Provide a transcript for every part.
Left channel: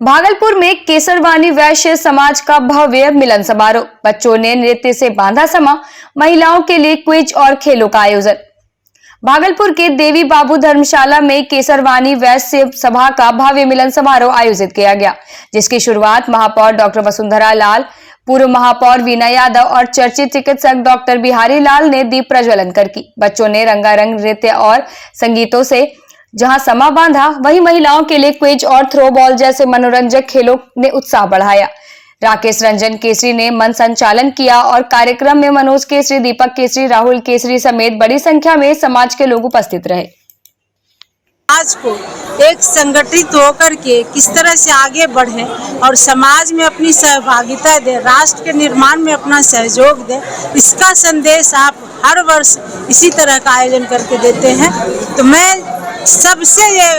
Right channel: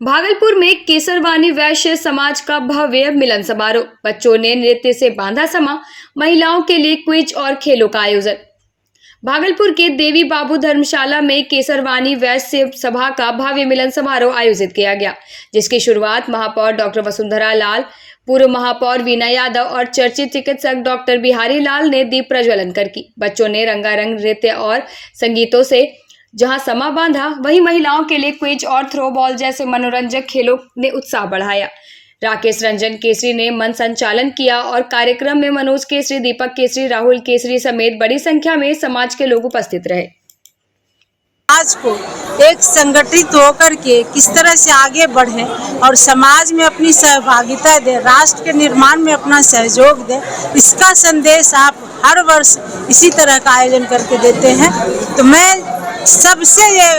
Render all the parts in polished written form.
भागलपुर में केसरवानी वैश्य समाज का भव्य मिलन समारोह। बच्चों ने नृत्य से बांधा समा, महिलाओं के लिए क्विज और खेलों का आयोजन। भागलपुर के देवी बाबू धर्मशाला में केसरवानी वैश्य सभा का भव्य मिलन समारोह आयोजित किया गया, जिसकी शुरुआत महापौर डॉक्टर वसुंधरा लाल, पूर्व महापौर वीना यादव और चर्चित चिकित्सक डॉक्टर बिहारी लाल ने दीप प्रज्वलन कर की। बच्चों ने रंगारंग नृत्य और संगीतों से जहां समा बांधा, वहीं महिलाओं के लिए क्विज और थ्रो बॉल जैसे मनोरंजक खेलों ने उत्साह बढ़ाया। राकेश रंजन केसरी ने मन संचालन किया और कार्यक्रम में मनोज केसरी, दीपक केसरी, राहुल केसरी समेत बड़ी संख्या में समाज के लोग उपस्थित रहे। समाज को एक संगठित होकर के किस तरह से आगे बढ़े और समाज में अपनी सहभागिता दे, राष्ट्र के निर्माण में अपना सहयोग दे, इसका संदेश आप हर वर्ष इसी तरह का आयोजन करके देते हैं। तो मैं सबसे ये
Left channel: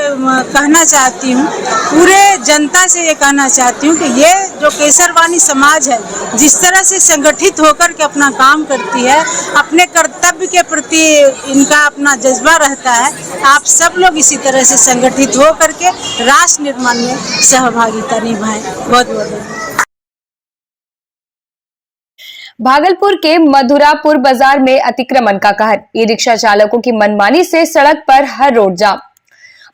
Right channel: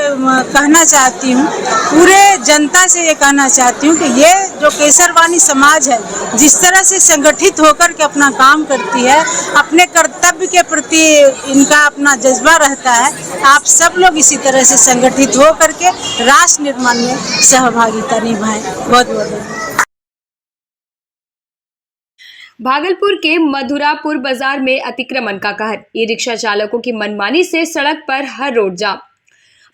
कहना चाहती हूँ, पूरे जनता से ये कहना चाहती हूँ कि ये जो केसरवानी समाज है, जिस तरह से संगठित होकर के अपना काम करती है, अपने कर्तव्य के प्रति इनका अपना जज्बा रहता है, आप सब लोग इसी तरह से संगठित होकर के राष्ट्र निर्माण में सहभागिता निभाएं। बहुत बहुत भागलपुर के मधुरापुर बाजार में अतिक्रमण का कहर, ई रिक्शा चालकों की मनमानी से सड़क पर हर रोड जाम।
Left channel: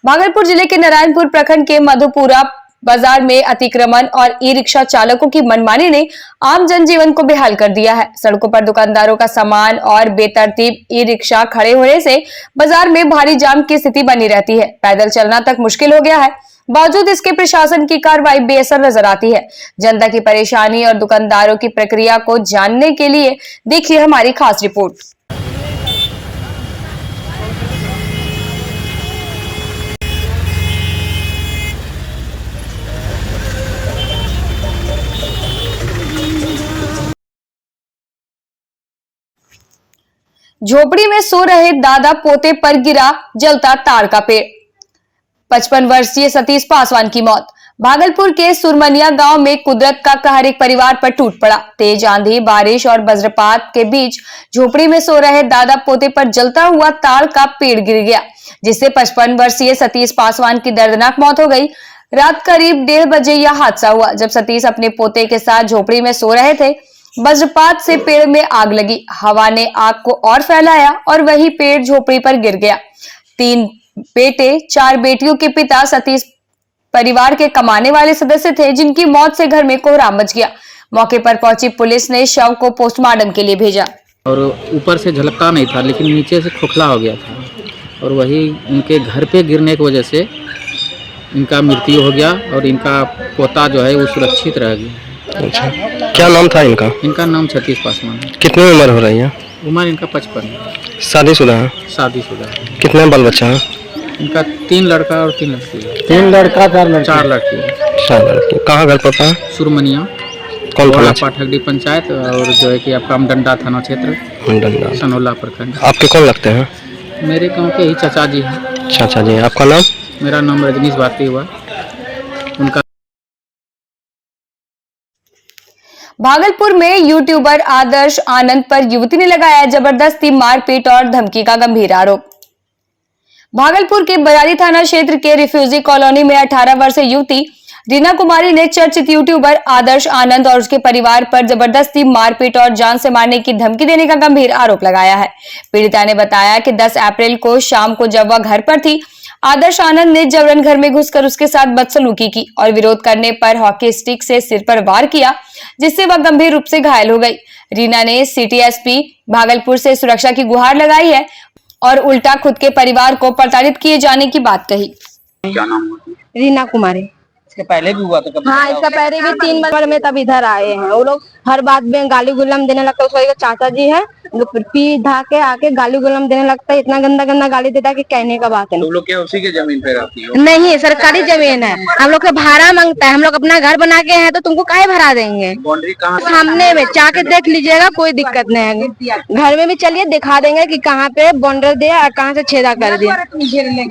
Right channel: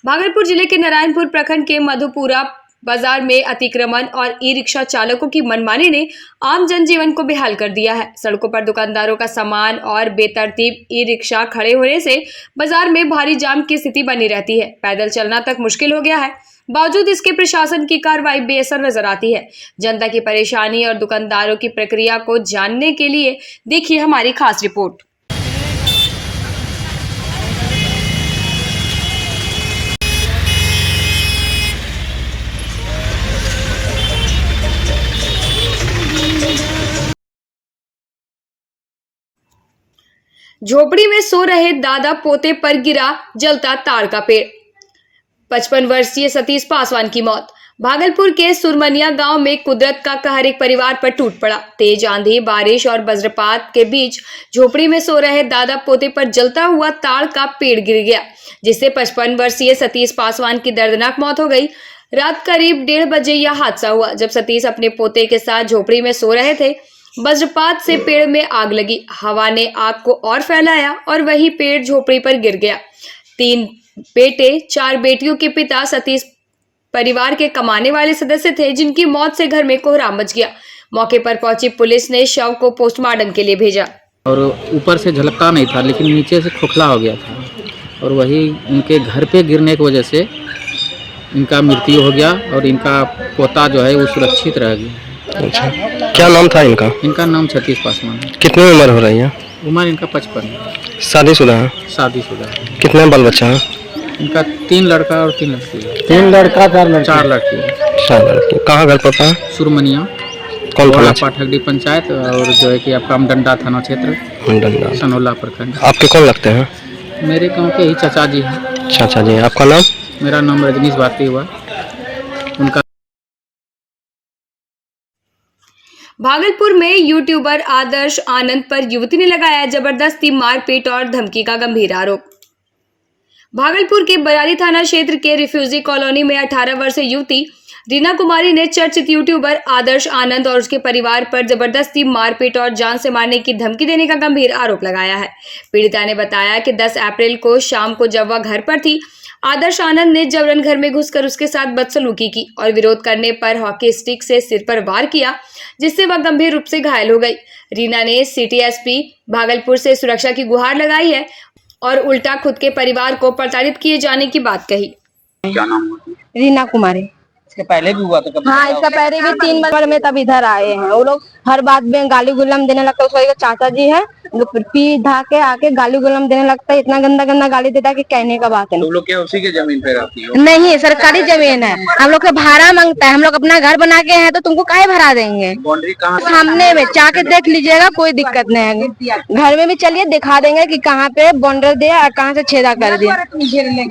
भागलपुर जिले के नारायणपुर प्रखंड के मधुपुरा बाजार में अतिक्रमण और ई रिक्शा चालकों की मनमानी ने आम जनजीवन को बेहाल कर दिया है। सड़कों पर दुकानदारों का सामान और बेतरतीब ई रिक्शा खड़े होने से बाजार में भारी जाम की स्थिति बनी रहती है। पैदल चलना तक मुश्किल हो गया है। बावजूद इसके प्रशासन की कार्रवाई बेअसर नजर आती है। जनता की परेशानी और दुकानदारों की प्रक्रिया को जानने के लिए देखिए हमारी खास रिपोर्ट। झोपड़ी में सो रहे दादा पोते पर गिरा जलता ताड़ का पेड़। 55 वर्षीय सतीश पासवान की मौत। भागलपुर के सुरमनिया गांव में कुदरत का कहर एक परिवार पर टूट पड़ा। तेज आंधी, बारिश और वज्रपात के बीच झोपड़ी में सो रहे दादा पोते पर जलता हुआ ताड़ का पेड़ गिर गया, जिससे 55 वर्षीय सतीश पासवान की दर्दनाक मौत हो गई। रात करीब 1:30 बजे यह हादसा हुआ, जब सतीश अपने पोते के साथ झोपड़ी में सो रहे थे। वज्रपात से पेड़ में आग लगी। हवा ने आग को और फैलाया और वही पेड़ झोपड़ी पर गिर गया। 3 बेटे 4 बेटियों के पिता सतीश परिवार के कमाने वाले सदस्य थे, जिनकी मौत से घर में कोहराम मच गया। मौके पर पहुंची पुलिस ने शव को पोस्टमार्टम के लिए भेजा। और ऊपर से झलकता नहीं था, लेकिन नीचे से खोखला हो गया था और वही उनके घर पे गिरने की वजह से इनका मृत्यु हो गया और इनका पोता जो है वो सुरक्षित रह गया। अच्छा, क्या नाम था इनका? इनका नाम सतीश पासवान। कितनी उम्र हो रही है? उम्र इनका 55। शादीशुदा है? शादीशुदा है। कितने बाल बच्चा है? इनका 3 लड़का और 3 लड़की है। 3 लड़का 4 लड़की? 4 लड़की है। 4 लड़की। कहाँ घर पड़ता है? सुरमनिया, कौन थाना? पाठकडी पंचायत और जो है कि आपका डंडा थाना क्षेत्र, सनोला प्रखंड। आपके कौन लगते हैं? मेरे गाँव के ही चाचा जी हैं। चाचा जी। आपका नाम? मेरा नाम रजनीश भारती हुआ। उनका भागलपुर में यूट्यूबर आदर्श आनंद पर युवती ने लगाया जबरदस्ती मारपीट और धमकी का गंभीर आरोप। भागलपुर के बरारी थाना क्षेत्र के रिफ्यूजी कॉलोनी में 18 वर्षीय युवती रीना कुमारी ने चर्चित यूट्यूबर आदर्श आनंद और उसके परिवार पर जबरदस्ती मारपीट और जान से मारने की धमकी देने का गंभीर आरोप लगाया है। पीड़िता ने बताया कि 10 अप्रैल को शाम को जब वह घर पर थी, आदर्श आनंद ने जबरन घर में घुसकर उसके साथ बदसलूकी की और विरोध करने पर हॉकी स्टिक से सिर पर वार किया, जिससे वह गंभीर रूप से घायल हो गई। रीना ने सिटी एसपी भागलपुर से सुरक्षा की गुहार लगाई है और उल्टा खुद के परिवार को प्रताड़ित किए जाने की बात कही। क्या नाम हुआ? रीना कुमारी। इसके पहले भी हुआ था कभी? हाँ, इसका पहले भी 3 बार में तब इधर आए हैं। वो लोग हर बात में गाली गुलाम देने लगता है। उसका चाचा जी है, पी धा के आके गाली गुलाम देने लगता है। इतना गंदा गंदा गाली देता है कि कहने का बात है। तो लोग क्या उसी के जमीन पे रहती है? नहीं, सरकारी जमीन है। हम लोग का भाड़ा मांगता है। हम लोग अपना घर बना के हैं तो तुमको काहे भरा देंगे? बाउंड्री कहाँ? सामने में जाके देख लीजिएगा, कोई दिक्कत नहीं है। घर में भी चलिए दिखा देंगे कि कहाँ पे बाउंड्री दिया और कहाँ से छेदा कर दिया।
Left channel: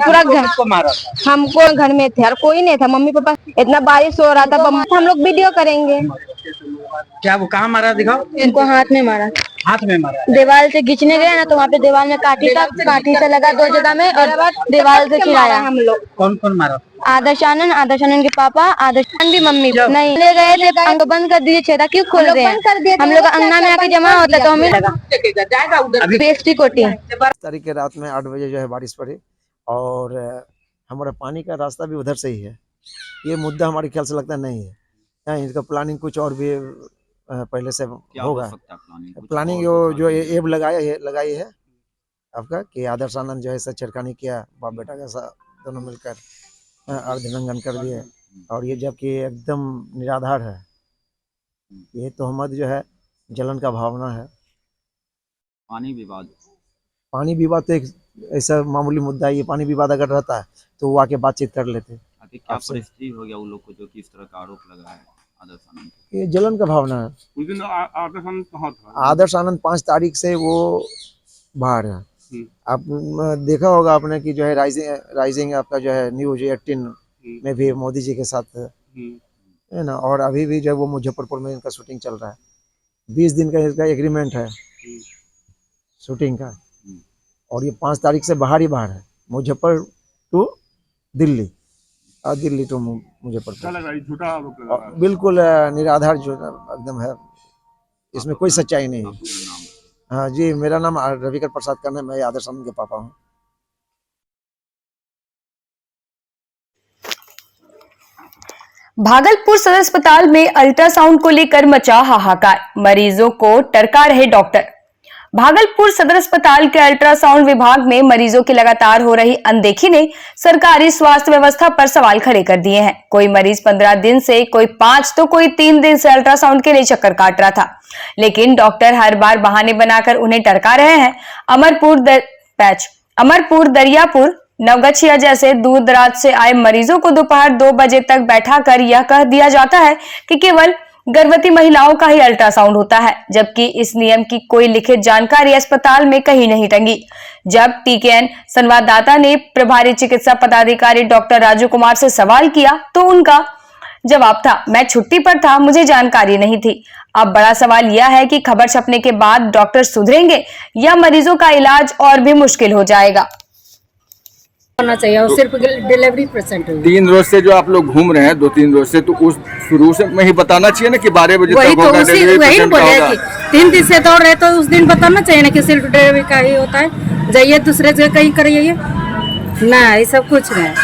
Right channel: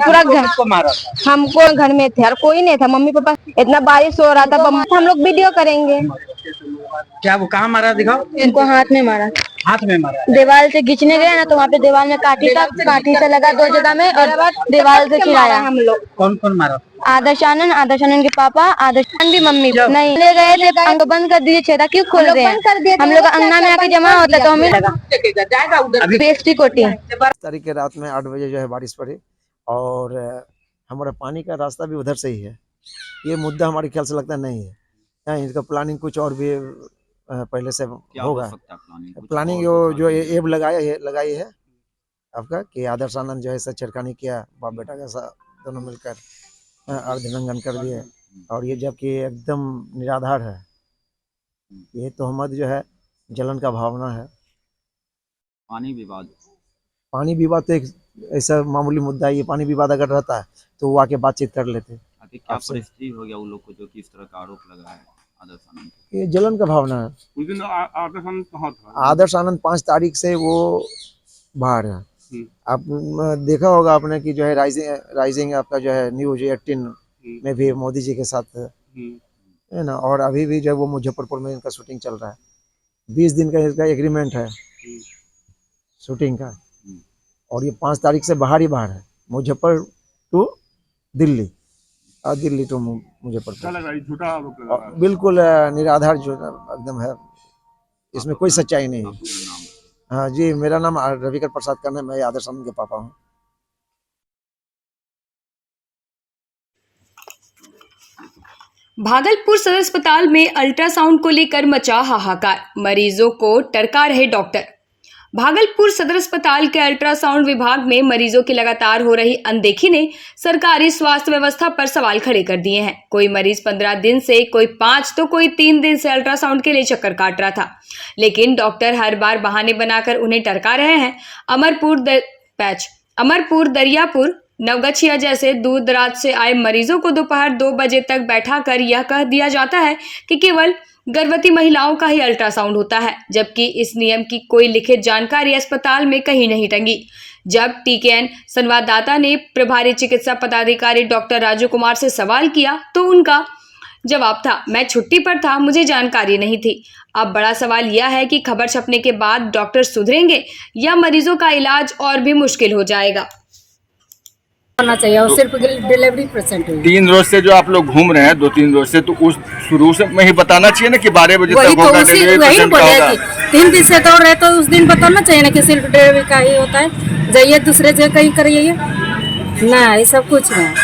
पूरा घर को मारा। हमको घर में थे और कोई नहीं था। मम्मी पापा, इतना बारिश हो रहा था, हम लोग वीडियो करेंगे। क्या वो कहाँ मारा दिखाओ? इनको हाथ में मारा। हाथ में मारा? दीवार से खींचने गए ना तो वहाँ पे दीवार में काठी था, काठी से लगा 2 जगह में और दीवार से चिढ़ाया हम लोग। कौन कौन मारा? आदर्श आनंद के पापा, आदर्श आनंद की मम्मी नहीं ले गए थे, अंग बंद कर दिए, छेदा क्यों खोल रहे हैं? हम लोग अंगना में आके जमा होता तो हमें लगा बेस्टी कोटी। 22 तारीख के रात में 8 बजे जो है बारिश पड़ी और हमारा पानी का रास्ता भी उधर से ही है। ये मुद्दा हमारे ख्याल से लगता नहीं है, इसका प्लानिंग कुछ और भी पहले से होगा। प्लानिंग जो एब लगाई है आपका कि आदर्श आनंद जो है ऐसा छिड़कानी किया, बाप बेटा का दोनों मिलकर अर्धनंगन कर दिए और ये जबकि एकदम निराधार है। ये तोहमत जो है जलन का भावना है। पानी विवाद तो एक ऐसा मामूली मुद्दा है। ये पानी विवाद अगर रहता है तो वो आके बातचीत कर लेते। अभी क्या परिस्थिति हो गया उन लोग को जो कि इस तरह का आरोप लगा है आदर्श आनंद? ये जलन का भावना है। उस दिन आदर्श आनंद कहाँ था? आदर्श आनंद 5 तारीख से वो बाहर है। आप देखा होगा आपने कि जो है राइजिंग आपका जो है न्यूज 18 में भी मोदी जी के साथ है ना, और अभी भी जो है वो मुजफ्फरपुर में इनका शूटिंग चल रहा है। 20 दिन का इसका एग्रीमेंट है शूटिंग का और ये 5 तारीख से बाहर ही बाहर है, मुजफ्फर टू दिल्ली और दिल्ली टू मुजफ्फरपुर। झूठा आरोप लगा रहा है। बिल्कुल निराधार जो एकदम है, इसमें कोई सच्चाई नहीं है। हाँ जी, मेरा नाम रविकर प्रसाद कर्ण है, मैं आदर्श आनंद के पापा हूँ। भागलपुर सदर अस्पताल में अल्ट्रासाउंड को लेकर मचा हाहाकार, मरीजों को टरका रहे डॉक्टर। भागलपुर सदर अस्पताल के अल्ट्रासाउंड विभाग में मरीजों की लगातार हो रही अनदेखी ने सरकारी स्वास्थ्य व्यवस्था पर सवाल खड़े कर दिए हैं। कोई मरीज 15 दिन से, कोई 5 तो कोई 3 दिन से अल्ट्रासाउंड के लिए चक्कर काट रहा था, लेकिन डॉक्टर हर बार बहाने बनाकर उन्हें टरका रहे हैं। अमरपुर, दरियापुर, नवगछिया जैसे दूर दराज से आए मरीजों को दोपहर 2 बजे तक बैठाकर यह कह दिया जाता है कि केवल गर्भवती महिलाओं का ही अल्ट्रासाउंड होता है, जबकि इस नियम की कोई लिखित जानकारी अस्पताल में कहीं नहीं टंगी। जब टीकेएन संवाददाता ने प्रभारी चिकित्सा पदाधिकारी डॉक्टर राजू कुमार से सवाल किया तो उनका जवाब था, मैं छुट्टी पर था, मुझे जानकारी नहीं थी। अब बड़ा सवाल यह है कि खबर छपने के बाद डॉक्टर सुधरेंगे या मरीजों का इलाज और भी मुश्किल हो जाएगा। होना चाहिए और सिर्फ डिलीवरी पेशेंट। 3 रोज से जो आप लोग घूम रहे हैं, 2-3 रोज से, तो उस शुरू से में ही बताना चाहिए ना कि 12 बजे तक होगा डिलीवरी पेशेंट का होगा। 3 दिन से दौड़ रहे तो उस दिन बताना चाहिए ना कि सिर्फ डिलीवरी का ही होता है। जाइए दूसरे जगह कहीं करिए ना, ये सब कुछ नहीं।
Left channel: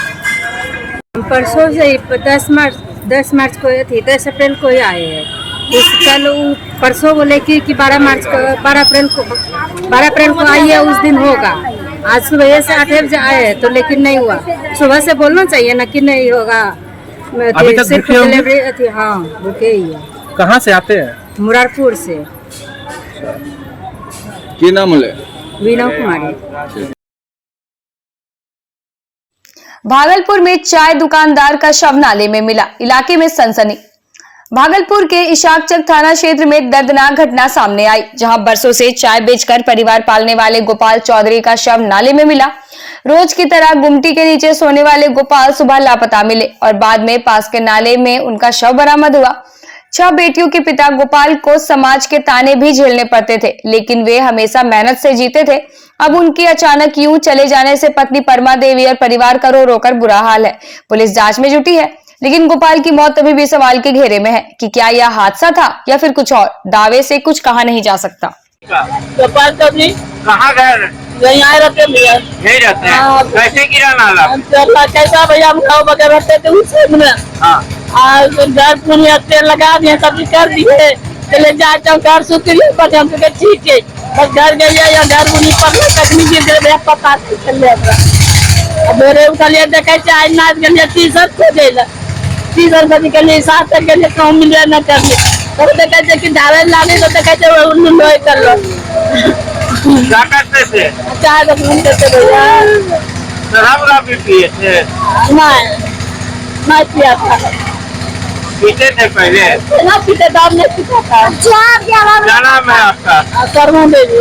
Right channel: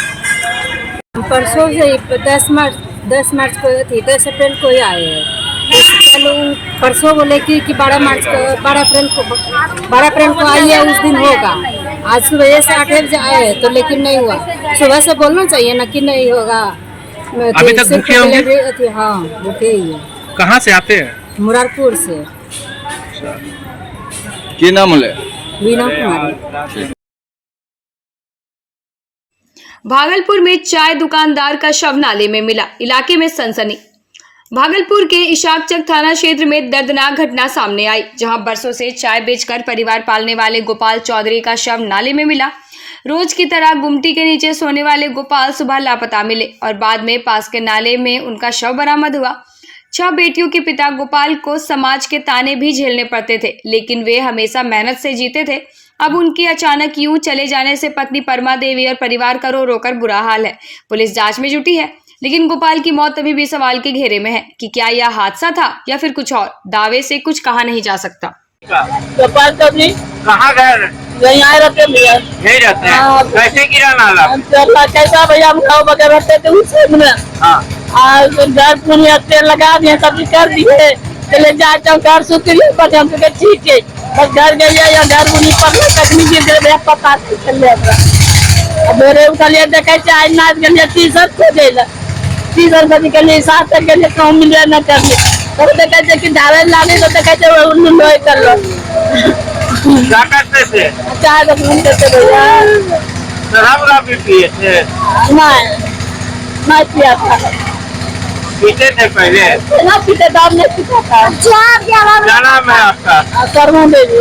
परसों से 10 मार्च को थी, 10 अप्रैल को ही आए हैं। कल परसों बोले कि 12 अप्रैल को आइए, उस दिन होगा। आज सुबह से 8 बजे आए तो लेकिन नहीं हुआ। सुबह से बोलना चाहिए ना कि नहीं होगा। अभी तक भूखे होंगे? हाँ, भूखे ही है। कहाँ से आते हैं? मुरारपुर से। क्या नाम है? वीना कुमारी। भागलपुर में चाय दुकानदार का शव नाले में मिला, इलाके में सनसनी। भागलपुर के इशाकचक थाना क्षेत्र में दर्दनाक घटना सामने आई, जहां बरसों से चाय बेचकर परिवार पालने वाले गोपाल चौधरी का शव नाले में मिला। रोज की तरह गुमटी के नीचे सोने वाले गोपाल सुबह लापता मिले और बाद में पास के नाले में उनका शव बरामद हुआ। 6 बेटियों के पिता गोपाल को समाज के ताने भी झेलने पड़ते थे, लेकिन वे हमेशा मेहनत से जीते थे। अब उनकी अचानक यूं चले जाने से पत्नी परमा देवी और परिवार का रो रोकर बुरा हाल है। पुलिस जांच में जुटी है, लेकिन गोपाल की मौत अभी भी सवाल के घेरे में है कि क्या यह हादसा था या फिर कुछ और। दावे से कुछ कहा नहीं जा सकता। गोपाल चौधरी कहाँ गए? यहीं आए रहते भैया। यही रहते हैं। कैसे गिरा नाला? कैसा भैया, हम गाँव वगैरह रहते थे उसे घर पुनिया तेल लगा दिए, सब्जी कर दिए, चले जाए घर सुतरी पर हम ठीक है, बस घर गए या घर बुनी पर तकनी गिर गए, पता चल जाएगा। मेरे उठलिए देखे आज नाच गए टी-शर्ट को दे टी-शर्ट के लिए 7 तक के लिए काम मिल न करने तब देखे कि ढाले लाने तो देखे उल्लू लोहे कर लो। क्या करते थे? चाय तो घूमते थे भैया। शराब भी पिए थे? नहीं पिया था। पीते थे पहले? ना पीते, दाम नहीं पीता था। क्या नाम है आपका? कर्मो देवी।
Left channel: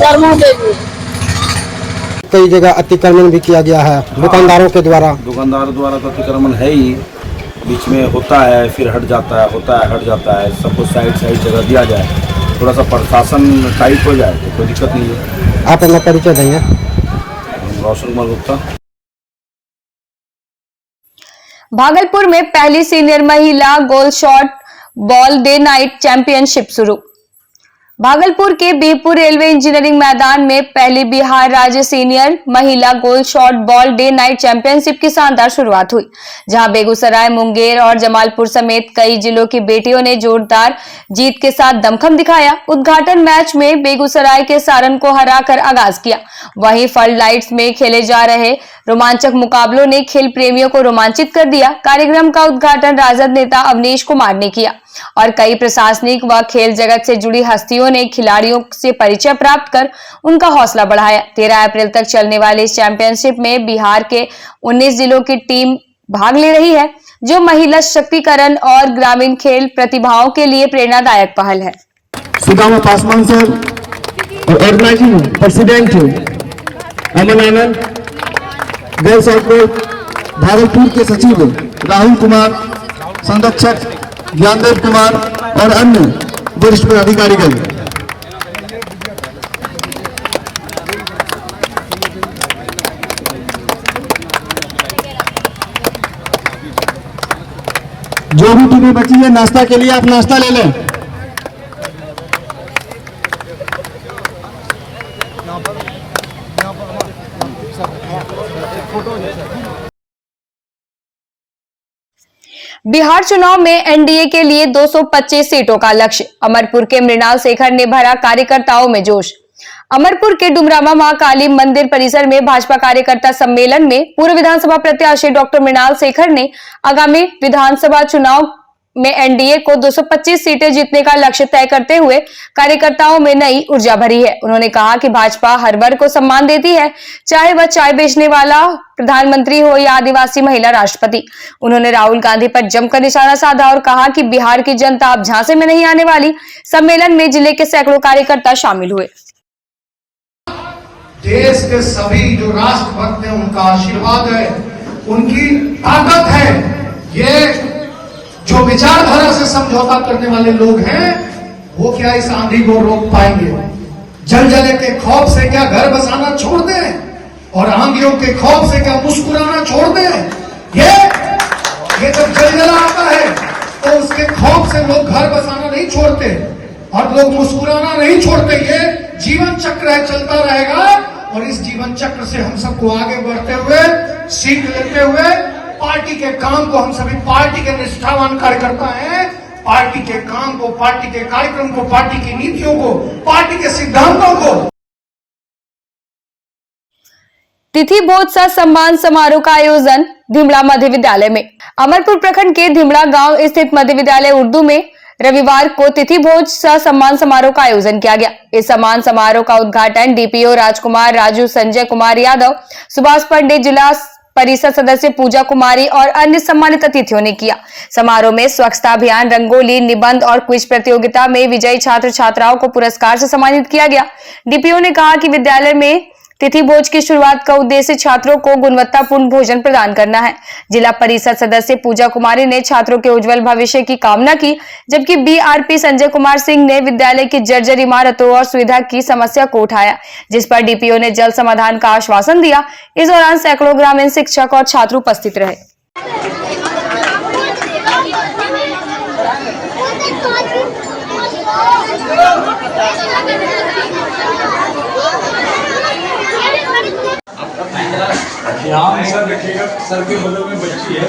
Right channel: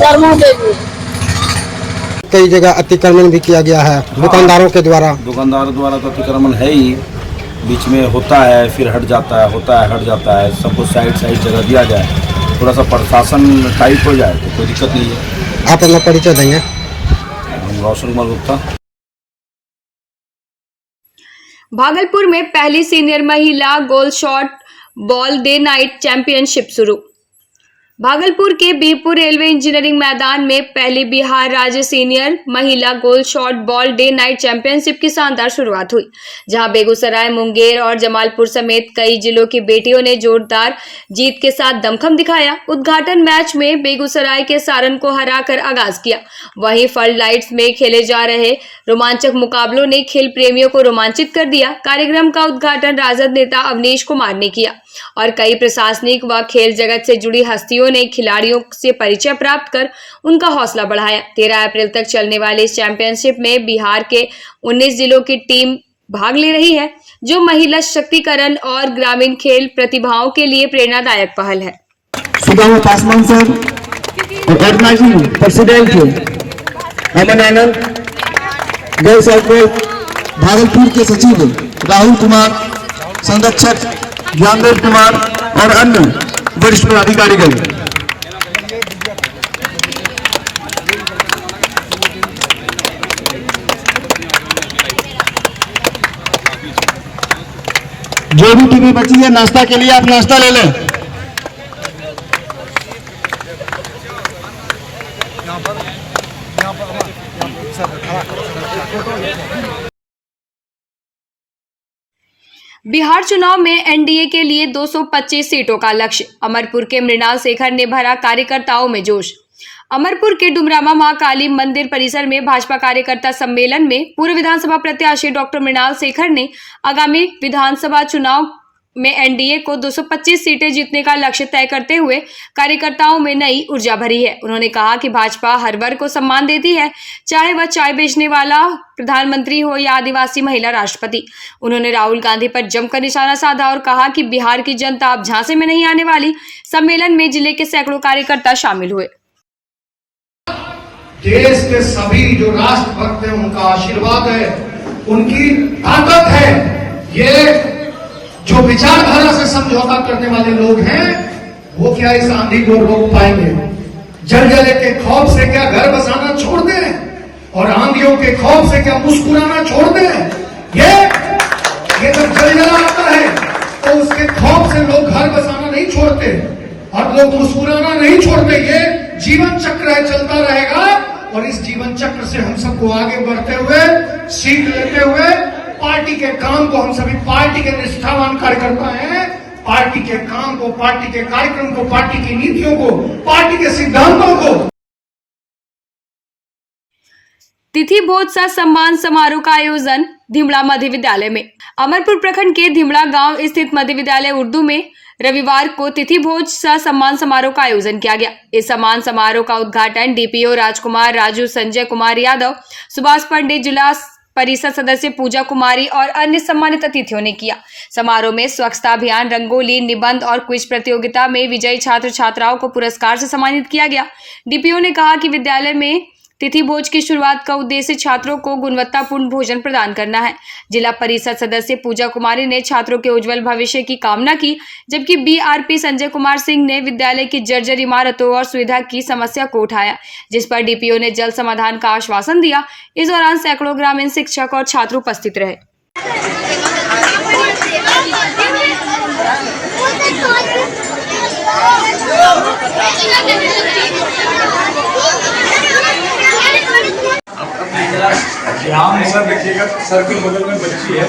कर्मो देवी। कई जगह अतिक्रमण भी किया गया है दुकानदारों के द्वारा। दुकानदारों द्वारा तो अतिक्रमण है ही, बीच में होता है फिर हट जाता है, होता है हट जाता है। सबको साइड जगह दिया जाए, थोड़ा सा प्रशासन टाइट हो जाए तो कोई दिक्कत नहीं है। आप अपना परिचय देंगे? हम रोशन कुमार गुप्ता। भागलपुर में पहली सीनियर महिला goal shot ball day night championship शुरू। भागलपुर के बिहपुर रेलवे इंजीनियरिंग मैदान में पहली बिहार राज्य सीनियर महिला goal shot ball day night championship की शानदार शुरुआत हुई, जहां बेगूसराय, मुंगेर और जमालपुर समेत कई जिलों की बेटियों ने जोरदार जीत के साथ दमखम दिखाया। उद्घाटन मैच में बेगूसराय के सारण को हराकर आगाज किया। वहीं फ्लड लाइट्स में खेले जा रहे रोमांचक मुकाबलों ने खेल प्रेमियों को रोमांचित कर दिया। कार्यक्रम का उद्घाटन राजद नेता अवनीश कुमार ने किया और कई प्रशासनिक व खेल जगत से जुड़ी हस्तियों ने खिलाड़ियों से परिचय प्राप्त कर उनका हौसला बढ़ाया। 13 अप्रैल तक चलने वाले इस चैंपियनशिप में बिहार के 19 जिलों की टीम भाग ले रही है, जो महिला शक्तिकरण और ग्रामीण खेल प्रतिभाओं के लिए प्रेरणादायक पहल है। सुदामा पासवान सर और organising president MNN girls outlet Bhagalpur के सचिव राहुल कुमार, संरक्षक ज्ञानदेव कुमार और अन्य वरिष्ठ पदाधिकारीगण, जो भी टीमें बची है नाश्ता के लिए आप नाश्ता ले लें। बिहार चुनाव में एनडीए के लिए 225 सीटों का लक्ष्य। अमरपुर के मृणाल शेखर ने भरा कार्यकर्ताओं में जोश। अमरपुर के डुमरामा मां काली मंदिर परिसर में भाजपा कार्यकर्ता सम्मेलन में पूर्व विधानसभा प्रत्याशी डॉक्टर मृणाल शेखर ने आगामी विधानसभा चुनाव में एनडीए को 225 सीटें जीतने का लक्ष्य तय करते हुए कार्यकर्ताओं में नई ऊर्जा भरी है। उन्होंने कहा कि भाजपा हर वर्ग को सम्मान देती है, चाहे वह चाय बेचने वाला प्रधानमंत्री हो या आदिवासी महिला राष्ट्रपति। उन्होंने राहुल गांधी पर जमकर निशाना साधा और कहा कि बिहार की जनता अब झांसे में नहीं आने वाली। सम्मेलन में जिले के सैकड़ों कार्यकर्ता शामिल हुए। देश के सभी जो राष्ट्रभक्त हैं उनका आशीर्वाद है, उनकी ताकत है। ये जो विचारधारा से समझौता करने वाले लोग हैं वो क्या इस आंधी को रोक पाएंगे? जलजले के खौफ से क्या घर बसाना छोड़ दें और आंधियों के खौफ से क्या मुस्कुराना छोड़ दें? ये जब जलजला आता है तो उसके खौफ से लोग घर बसाना नहीं छोड़ते और लोग मुस्कुराना नहीं छोड़ते। ये जीवन चक्र है, चलता रहेगा और इस जीवन चक्र से हम सबको आगे बढ़ते हुए, सीख लेते हुए पार्टी के काम को, हम सभी पार्टी के निष्ठावान कार्यकर्ता हैं, पार्टी के काम को, पार्टी के कार्यक्रम को, पार्टी की नीतियों को, पार्टी के सिद्धांतों को। तिथि भोज सह सम्मान समारोह का आयोजन धिमड़ा मध्य विद्यालय में। अमरपुर प्रखंड के धिमड़ा गांव स्थित मध्य विद्यालय उर्दू में रविवार को तिथि भोज सह सम्मान समारोह का आयोजन किया गया। इस सम्मान समारोह का उद्घाटन डीपीओ राजकुमार राजू, संजय कुमार यादव, सुभाष पंडित, जिला परिषद सदस्य पूजा कुमारी और अन्य सम्मानित अतिथियों ने किया। समारोह में स्वच्छता अभियान, रंगोली, निबंध और क्विज प्रतियोगिता में विजयी छात्र छात्राओं को पुरस्कार से सम्मानित किया गया। डीपीओ ने कहा कि विद्यालय में तिथि भोज की शुरुआत का उद्देश्य छात्रों को गुणवत्तापूर्ण भोजन प्रदान करना है। जिला परिषद सदस्य पूजा कुमारी ने छात्रों के उज्जवल भविष्य की कामना की, जबकि बीआरपी संजय कुमार सिंह ने विद्यालय की जर्जर इमारतों और सुविधा की समस्या को उठाया, जिस पर डीपीओ ने जल्द समाधान का आश्वासन दिया। इस दौरान सैकड़ों ग्रामीण शिक्षक और छात्र उपस्थित रहे। ध्यान सर देखिएगा, सर के बगल में बच्ची है